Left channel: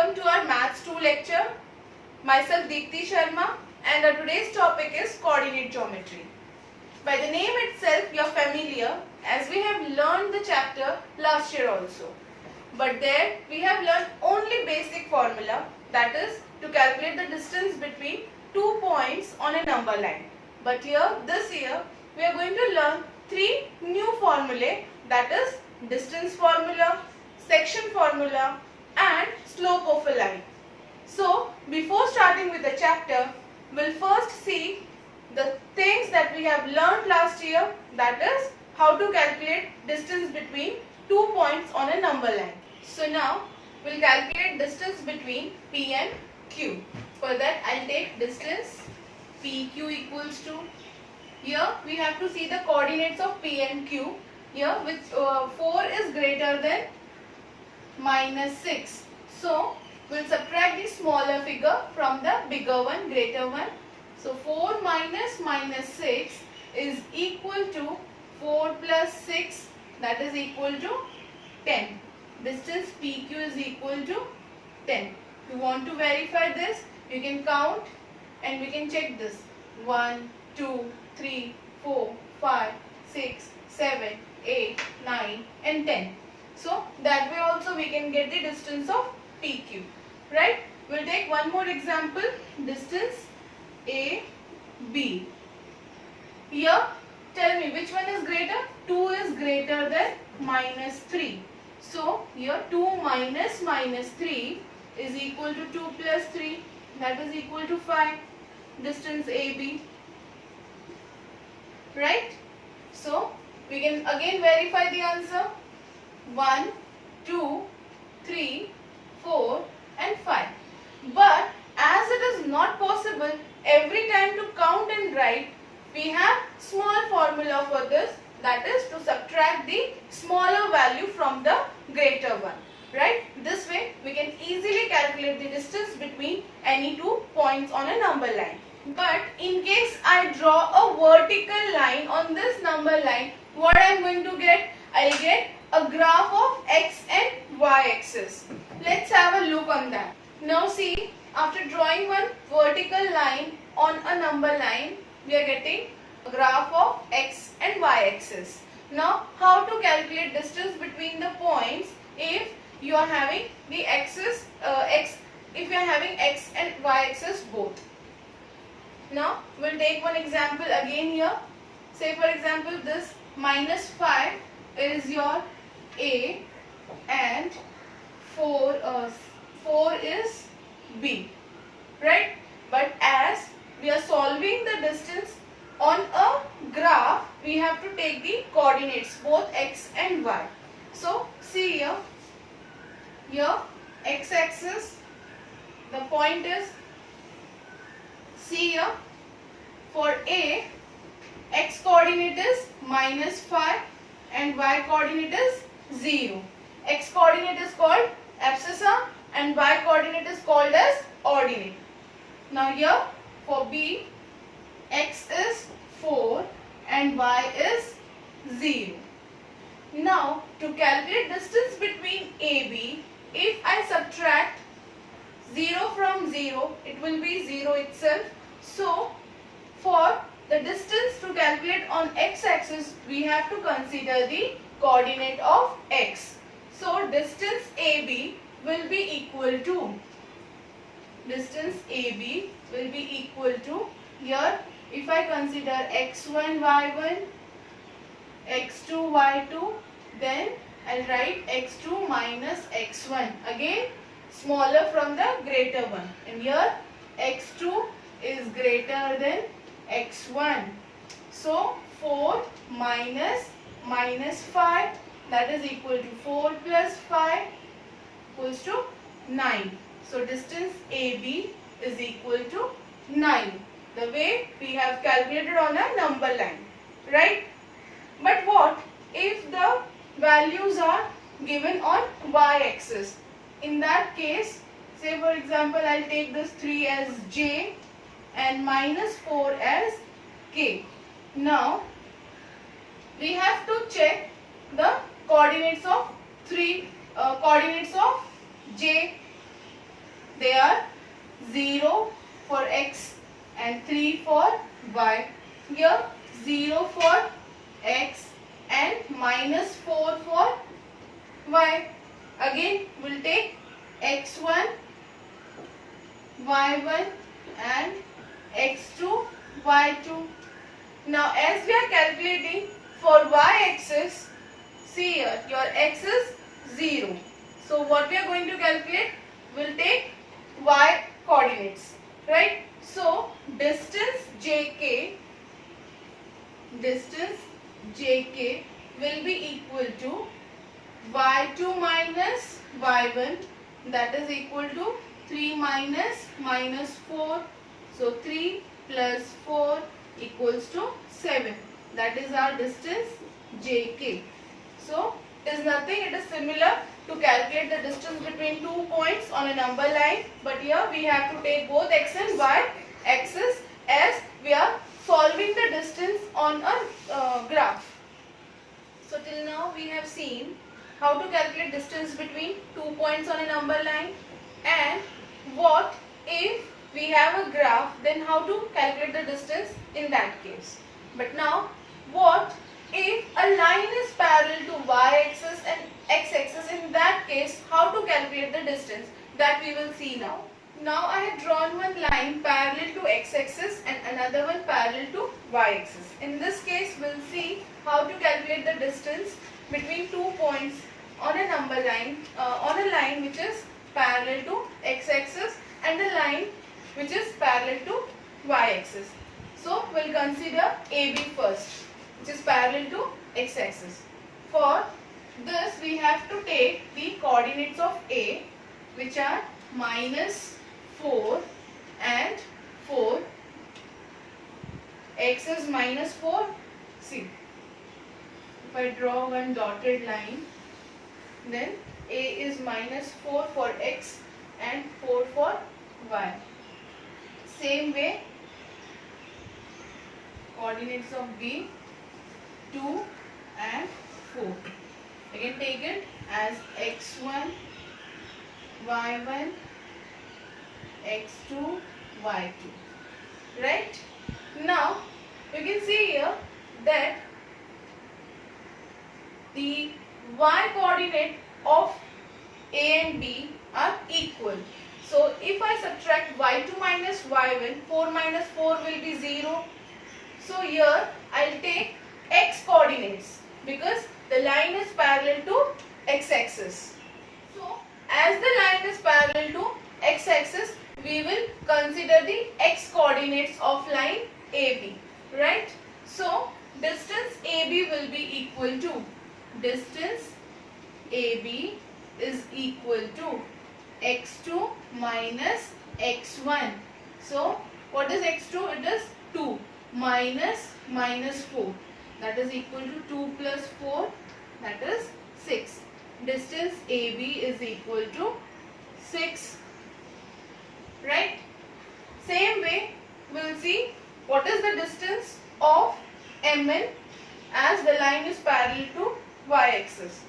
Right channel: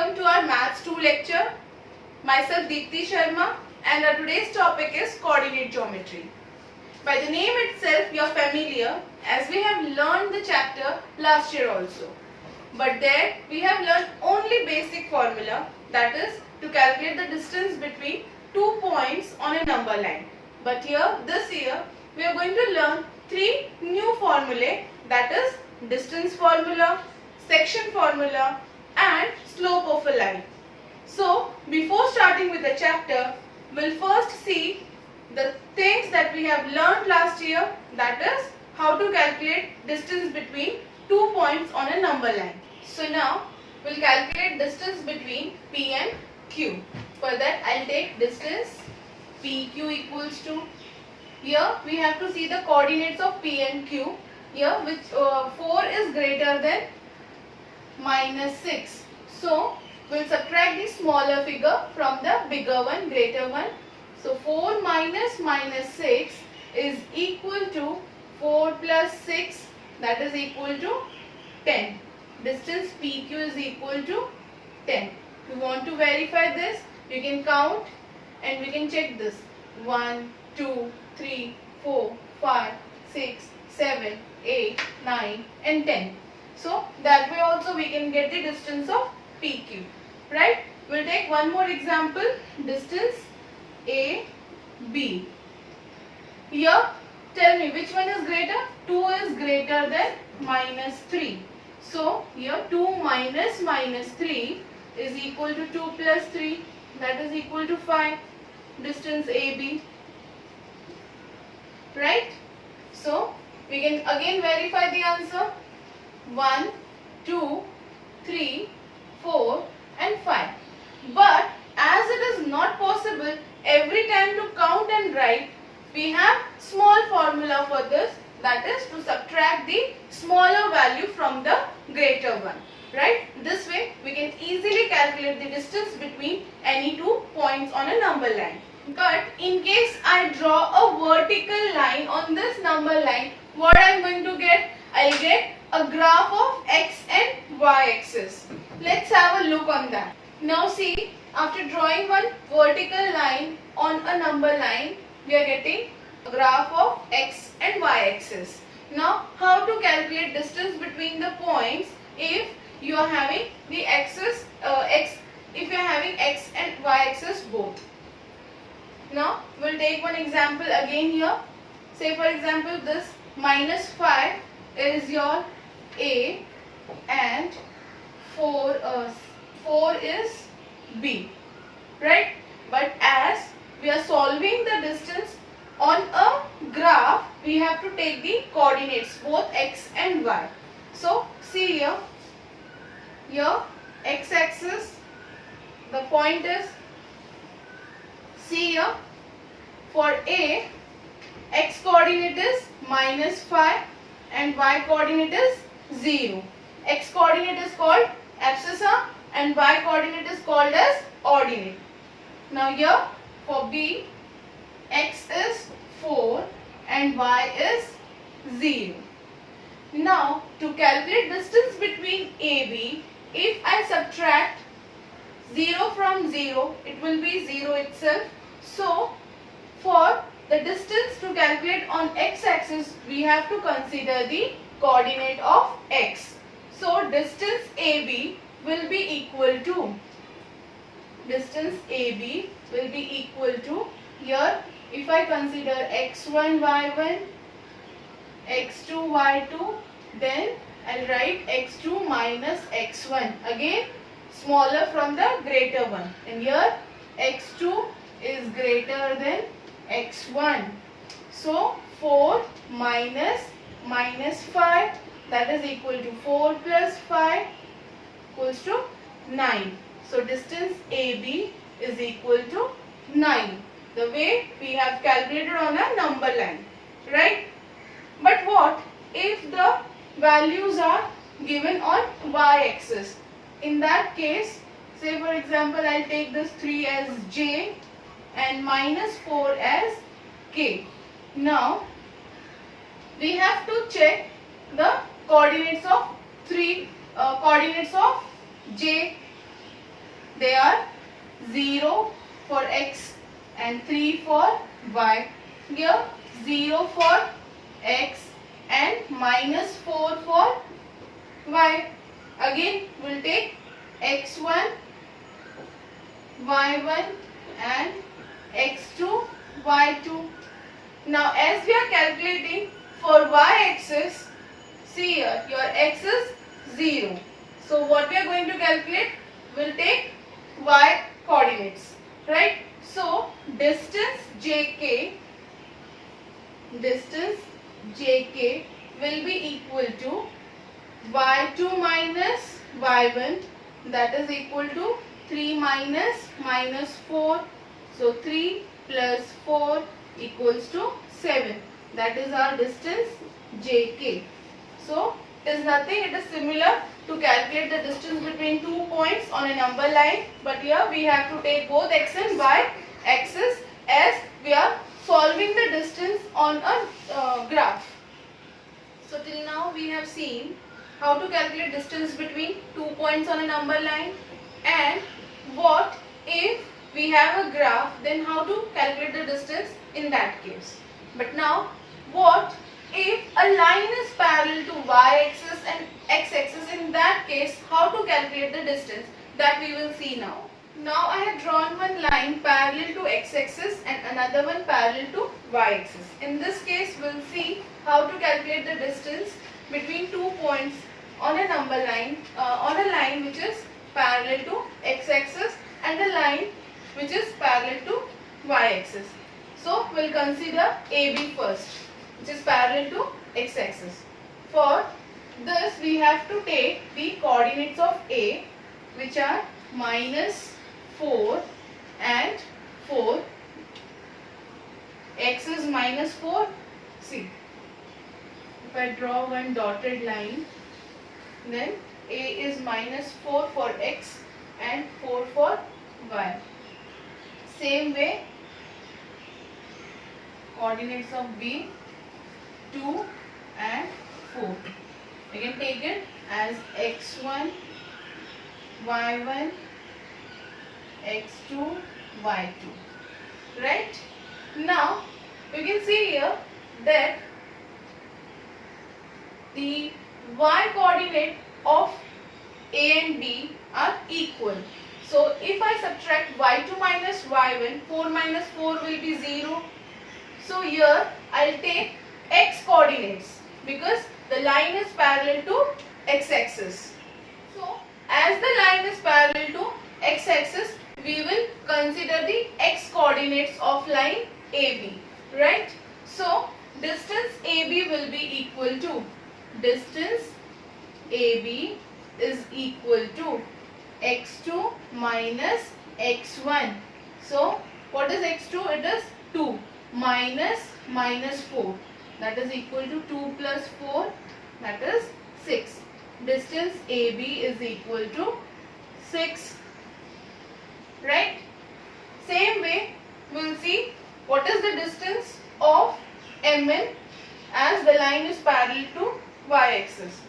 welcome to our Maths 2 lecture. Myself Deepti Sharma and our today's topic is coordinate geometry. By the name itself you are familiar as we have learned the chapter last year also. But there we have learned only basic formula, that is to calculate the distance between 2 points on a number line. But here this year we are going to learn 3 new formulae, that is distance formula, section formula and slope of a line. So before starting with the chapter, we'll first see the things that we have learned last year, that is how to calculate distance between 2 points on a number line. So now we'll calculate distance between P and Q. For that I'll take distance PQ equals to, here we have to see the coordinates of P and Q, here which 4 is greater than minus 6. So we'll subtract the smaller figure from the bigger one, greater one. So 4 minus minus 6 is equal to 4 plus 6, that is equal to 10. Distance PQ is equal to 10. If you want to verify this, you can count and we can check this. 1, 2, 3, 4, 5, 6, 7, 8, 9 and 10. So that way also we can get the distance of PQ. Right? We'll take one more example. Distance AB. Here tell me which one is greater? 2 is greater than minus 3. So here 2 minus minus 3 is equal to 2 plus 3, that is equal to 5. Distance AB. Right? So we can again verify the answer. 1, 2, 3, 4 and 5. But as it is not possible every time to count and write, we have small formula for this, that is to subtract the smaller value from the greater one. Right? This way we can easily calculate the distance between any 2 points on a number line. But in case I draw a vertical line on this number line, what I am going to get? I will get a graph of x and y axis. Let's have a look on that. Now see, after drawing one vertical line on a number line, we are getting a graph of x and y axis. Now how to calculate distance between the points if you are having the axis if you are having x and y axis both. Now we'll take one example again here. Say for example this minus 5 is your A and 4 is B, right? But as we are solving the distance on a graph, we have to take the coordinates both x and y. So see here x axis, the point is, see here for A, x coordinate is minus 5 and y coordinate is 0. X coordinate is called abscissa and y coordinate is called as ordinate. Now here for B, x is 4 and y is 0. Now to calculate distance between AB, if I subtract 0 from 0, it will be 0 itself. So for the distance to calculate on x-axis, we have to consider the coordinate of x. So distance AB will be equal to, here if I consider x1, y1, x2, y2, then I'll write x2 minus x1. Again smaller from the greater one. And here x2 is greater than x1. So 4 minus minus 5, that is equal to 4 plus 5 equals to 9. So distance AB is equal to 9. The way we have calculated on a number line. Right? But what if the values are given on y-axis? In that case, say for example, I'll take this 3 as j and minus 4 as k. Now we have to check the coordinates of j they are 0 for x and 3 for y. Here 0 for x and minus 4 for y. Again we'll take x1, y1 and x2, y2. Now as we are calculating for y-axis, see here, your x is 0. So what we are going to calculate, we'll take y coordinates, right? So distance jk will be equal to y2 minus y1, that is equal to 3 minus 4. So 3 plus 4 equals to 7. That is our distance jk. So it is nothing, it is similar to calculate the distance between 2 points on a number line, but here we have to take both x and y axis as we are solving the distance on a graph. So till now we have seen how to calculate distance between 2 points on a number line, and what if we have a graph, then how to calculate the distance in that case. But now what if a line is parallel to y-axis and x-axis, in that case how to calculate the distance, that we will see now. Now I have drawn one line parallel to x-axis and another one parallel to y-axis. In this case we'll see how to calculate the distance between 2 points on a number line, on a line which is parallel to x-axis and a line which is parallel to y-axis. So we'll consider AB first, which is parallel to x-axis. For this we have to take the coordinates of A, which are minus 4 and 4. X is minus 4. See, if I draw one dotted line, then A is minus 4 for x and 4 for y. Same way, coordinates of B, 2 and 4. Again take it as x1, y1, x2, y2. Right? Now you can see here that the y coordinate of A and B are equal. So if I subtract y2 minus y1, 4 minus 4 will be 0. So here I'll take x coordinates because the line is parallel to x-axis. So as the line is parallel to x-axis, we will consider the x coordinates of line AB, right? So distance AB will be equal to, distance AB is equal to x2 minus x1. So what is x2? It is 2 minus 4. That is equal to 2 plus 4, that is 6. Distance AB is equal to 6. Right? Same way we'll see what is the distance of MN as the line is parallel to y-axis.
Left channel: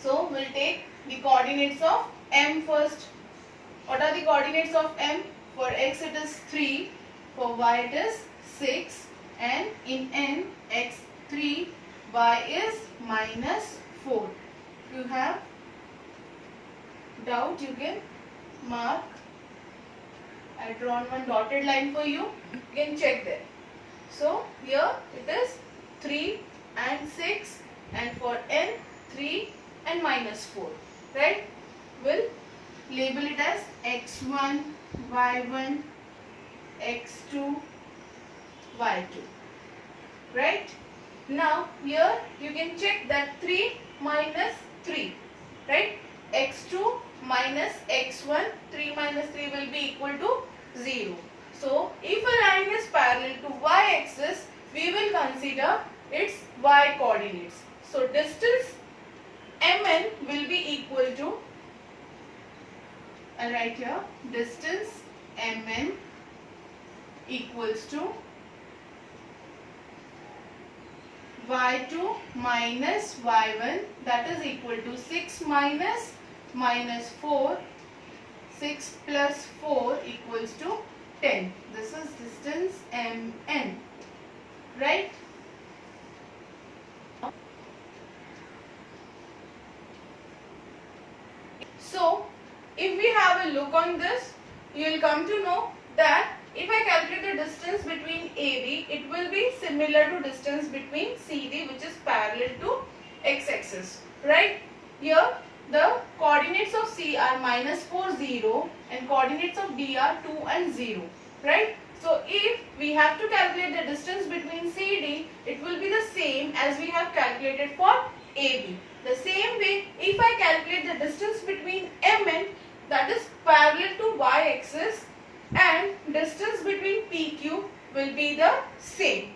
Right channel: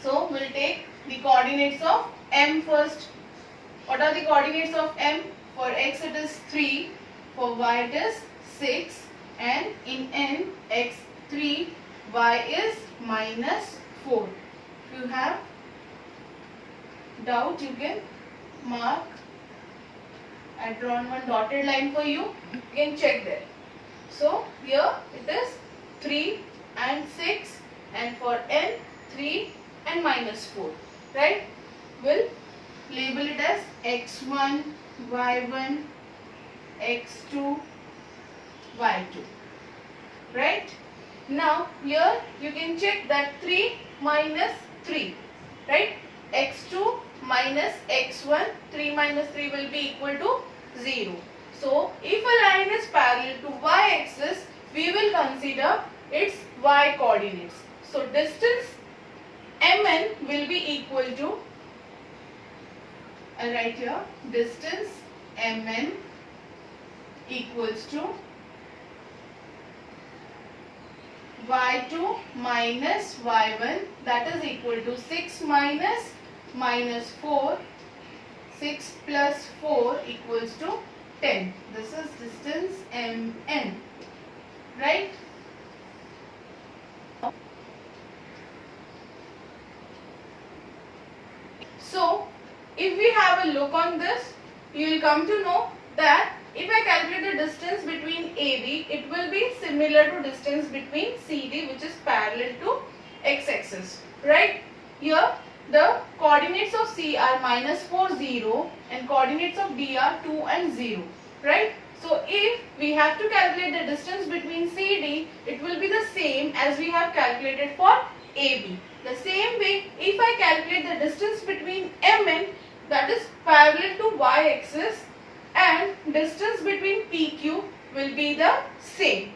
So we'll take the coordinates of M first. What are the coordinates of M? For x it is 3, for y it is 6, and in N x3, y is minus 4. If you have doubt, you can mark. I have drawn one dotted line for you. You can check there. So here it is 3 and 6, and for N 3 and minus 4. Right? We'll label it as x1, y1, x2, y2. Right? Now here you can check that 3 minus 3. Right? x2 minus x1, 3 minus 3 will be equal to 0. So if a line is parallel to y-axis, we will consider its y coordinates. So distance MN will be equal to, I'll write here, distance MN equals to y2 minus y1, that is equal to 6 minus 4. 6 plus 4 equals to 10. This is distance MN, right? So, if we have a look on this, you will come to know that if I calculate the distance between AB, it will be similar to distance between CD, which is parallel to x-axis, right? Here, the coordinates of C are -4, 0 and coordinates of D are 2 and 0, right? So, if we have to calculate the distance between CD, it will be the same as we have calculated for AB. The same way, if I calculate the distance between MN, that is parallel to y-axis, and distance between PQ will be the same,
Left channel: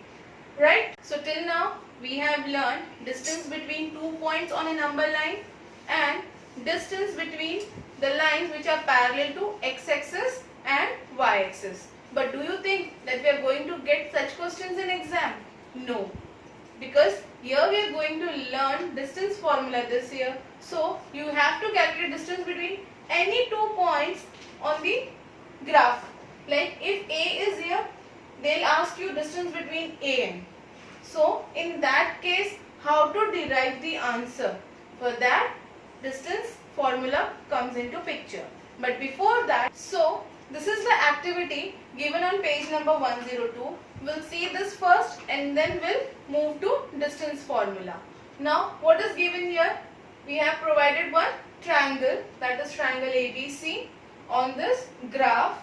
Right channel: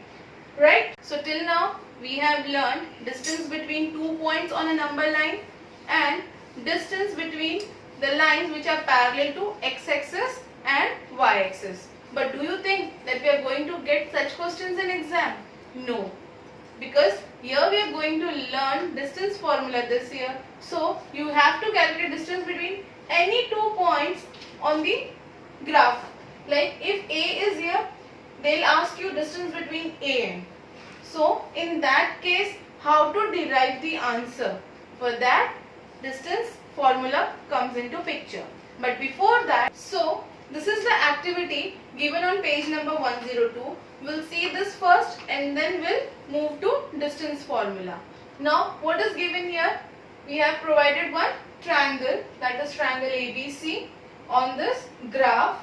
right? So till now we have learned distance between 2 points on a number line and distance between the lines which are parallel to x-axis and y-axis. But do you think that we are going to get such questions in exam? No. Because here we are going to learn distance formula this year. So you have to calculate distance between any 2 points on the graph. Like if A is here, they'll ask you distance between A and. So in that case, how to derive the answer? For that, distance formula comes into picture. But before that, so this is the activity given on page number 102. We'll see this first and then we'll move to distance formula. Now what is given here? We have provided one triangle, that is triangle ABC on this graph,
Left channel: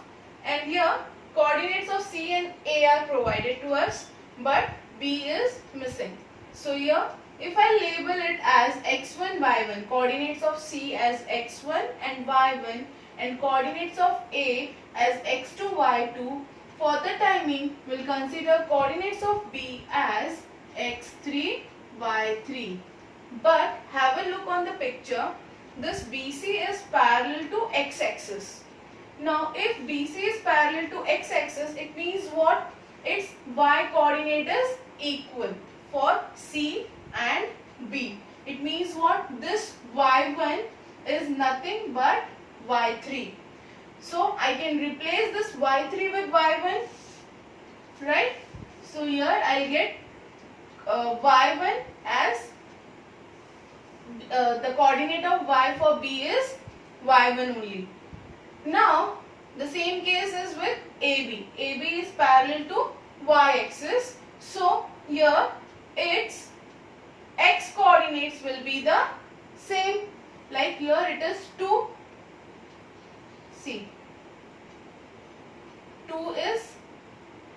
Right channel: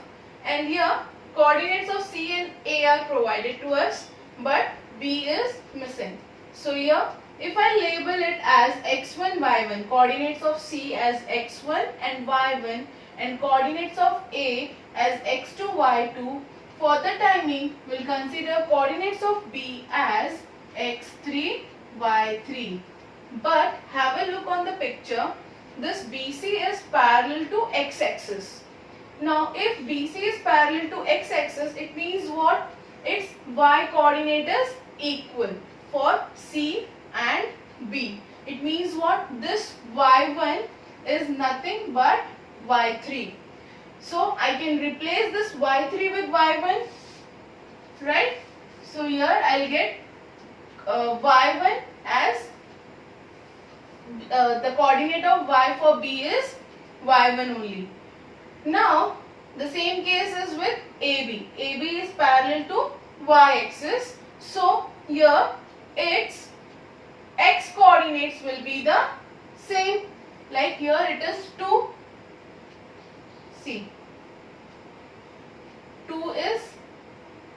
and here coordinates of C and A are provided to us but B is missing. So here if I label it as x1, y1, coordinates of C as x1 and y1 and coordinates of A as x2, y2, for the timing we'll consider coordinates of B as x3, y3. But have a look on the picture. This BC is parallel to x-axis. Now if BC is parallel to x-axis, it means what? Its y coordinate is equal for C and B. It means what? This y1 is nothing but y3. So I can replace this y3 with y1, right? So here I'll get y1 as the coordinate of y for B is y1 only. Now the same case is with AB. AB is parallel to y-axis. So here its x coordinates will be the same. Like here it is 2. See, 2 is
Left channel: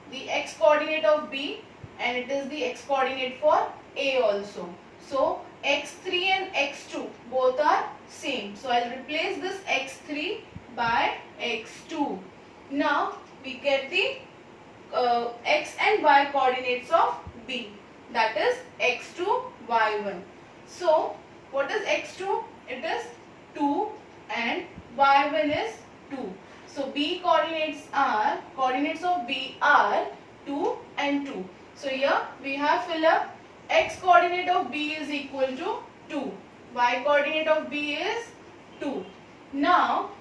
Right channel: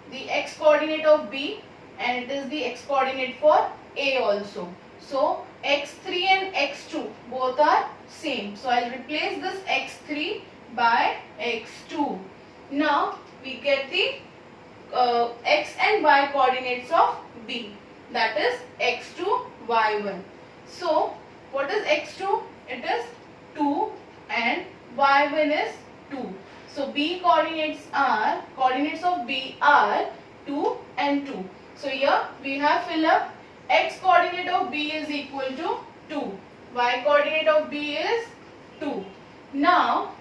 the x coordinate of B and it is the x coordinate for A also. So x3 and x2 both are same. So I'll replace this x3 by x2. Now we get the x and y coordinates of B, that is x2, y1. So what is x2? It is 2 and y1 is 2. So B coordinates of B are 2 and 2. So here we have fill up x coordinate of B is equal to 2. Y coordinate of B is 2. Now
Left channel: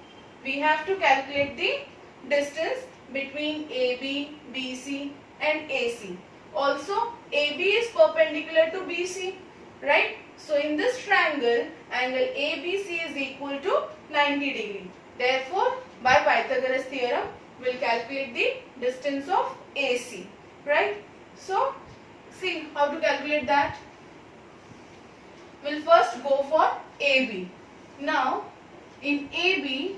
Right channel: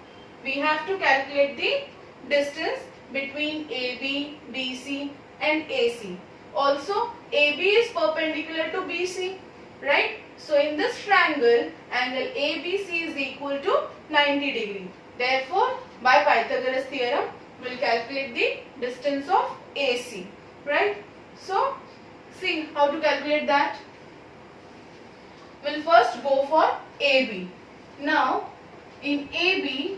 we have to calculate the distance between AB, BC and AC. Also AB is perpendicular to BC, right? So in this triangle, angle ABC is equal to 90 degree. Therefore, by Pythagoras theorem, we will calculate the distance of AC, right? So, see how to calculate that. We will first go for AB. Now, in AB,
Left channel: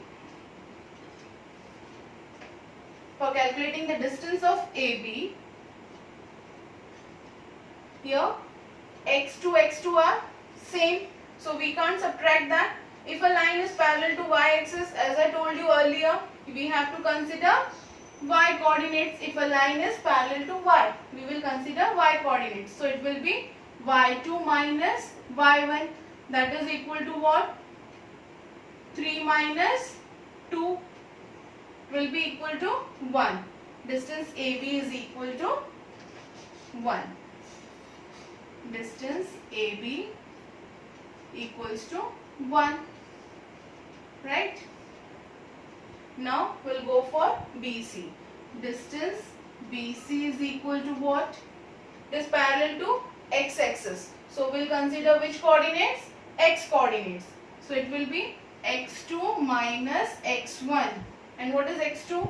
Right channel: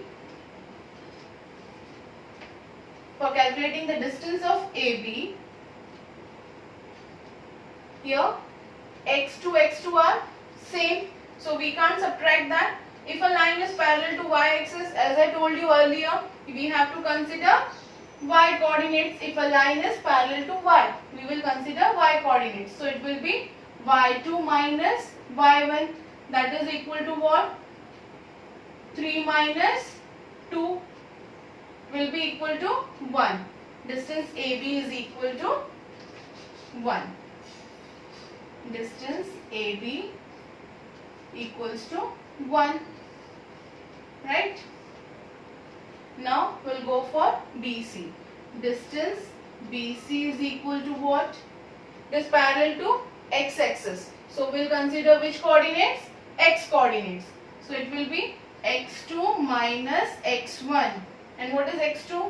for calculating the distance of AB, here x2 are same, so we can't subtract that. If a line is parallel to y-axis, as I told you earlier, we have to consider y coordinates. If a line is parallel to y, we will consider y coordinates. So it will be y2 minus y1, that is equal to what? 3 minus 2 will be equal to 1. Distance AB is equal to 1. Distance AB equals to 1, right? Now we'll go for BC. Distance BC is equal to what? It is parallel to x-axis. So we'll consider which coordinates? X coordinates. So it will be x2 minus x1. And what is x2?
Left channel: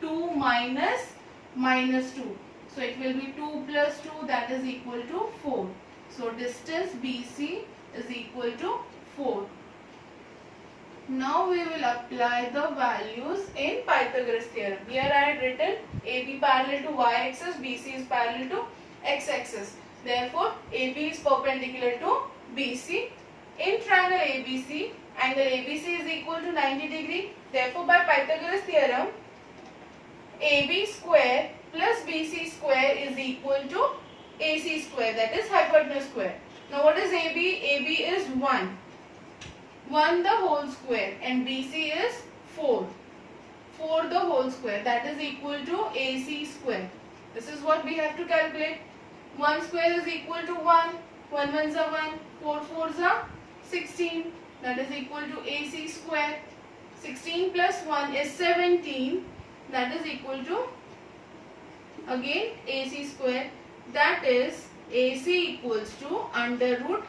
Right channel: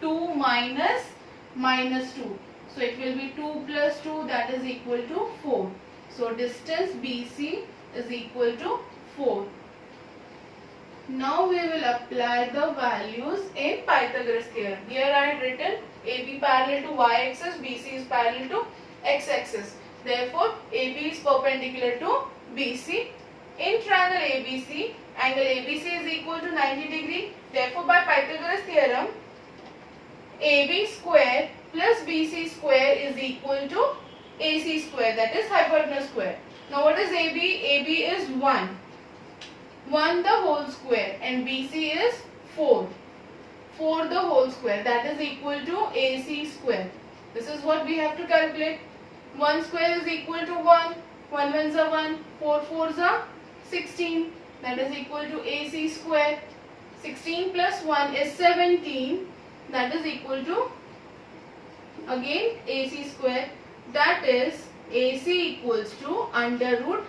2 minus minus 2. So it will be 2 plus 2, that is equal to 4. So distance BC is equal to 4. Now we will apply the values in Pythagoras theorem. Here I had written AB parallel to y-axis, BC is parallel to x-axis. Therefore, AB is perpendicular to BC. In triangle ABC, angle ABC is equal to 90 degree. Therefore, by Pythagoras theorem, AB square plus BC square is equal to AC square, that is hypotenuse square. Now what is AB? AB is 1. 1 the whole square and BC is 4. 4 the whole square, that is equal to AC square. This is what we have to calculate. 1 square is equal to 1. 1 ones are 1. 4 fours are 16. That is equal to AC square. 16 plus 1 is 17. That is equal to again AC square. That is AC equals to under root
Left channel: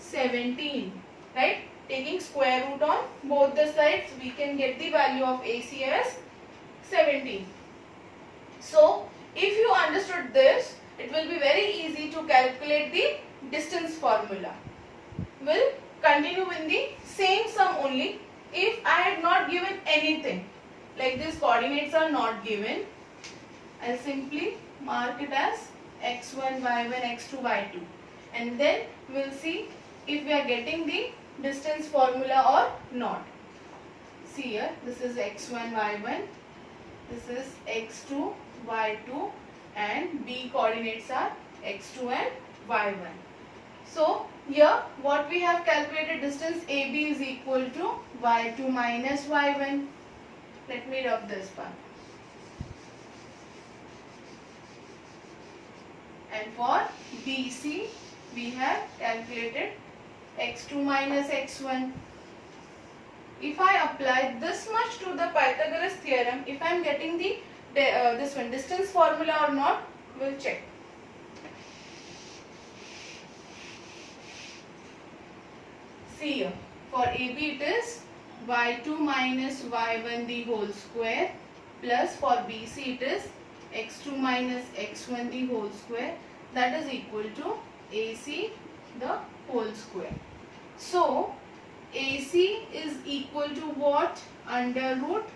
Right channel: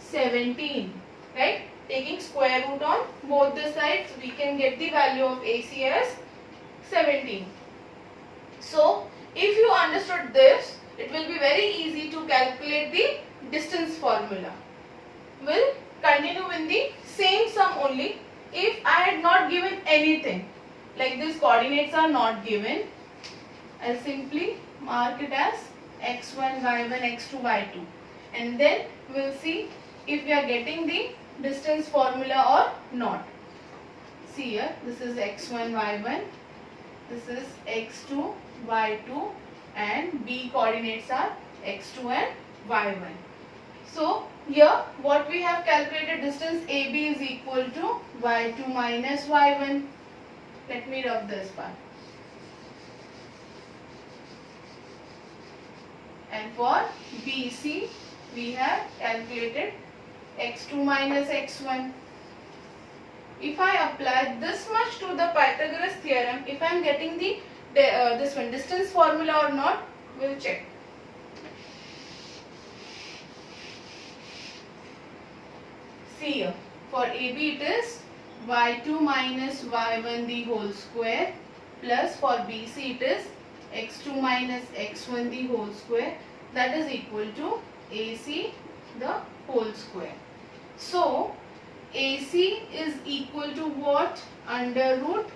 17. Right? Taking square root on both the sides, we can get the value of AC as 17. So, if you understood this, it will be very easy to calculate the distance formula. We'll continue with the same sum only. If I had not given anything, like these coordinates are not given, I'll simply mark it as x1, y1, x2, y2. And then we'll see if we are getting the distance formula or not. See here, this is x1, y1, this is x2, y2, and B coordinates are x2 and y1. So here what we have calculated, distance AB is equal to y2 minus y1. Let me rub this part. And for BC we have calculated x2 minus x1. If I apply this much to the Pythagoras theorem, if I am getting the this one distance formula or not, we'll check. See here, for AB it is y2 minus y1 the whole square, plus for BC it is x2 minus x1 the whole square, that is equal to AC the whole square. So AC is equal to what? Under root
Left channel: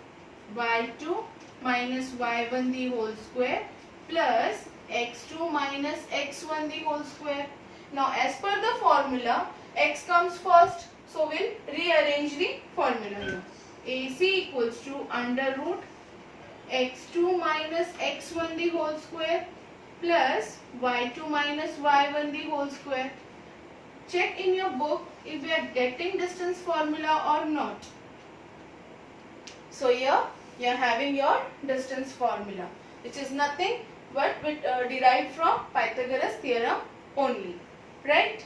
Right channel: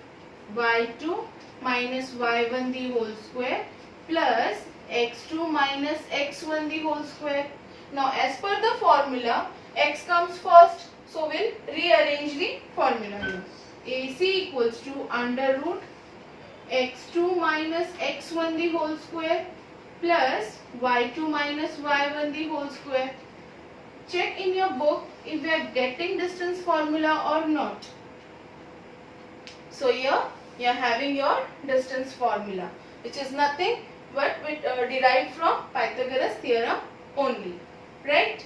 y2 minus y1 the whole square plus x2 minus x1 the whole square. Now as per the formula, x comes first, so we'll rearrange the formula here. AC equals to under root x2 minus x1 the whole square plus y2 minus y1 the whole square. Check in your book if we are getting distance formula or not. So here you are having your distance formula, which is nothing but derived from Pythagoras theorem only, right?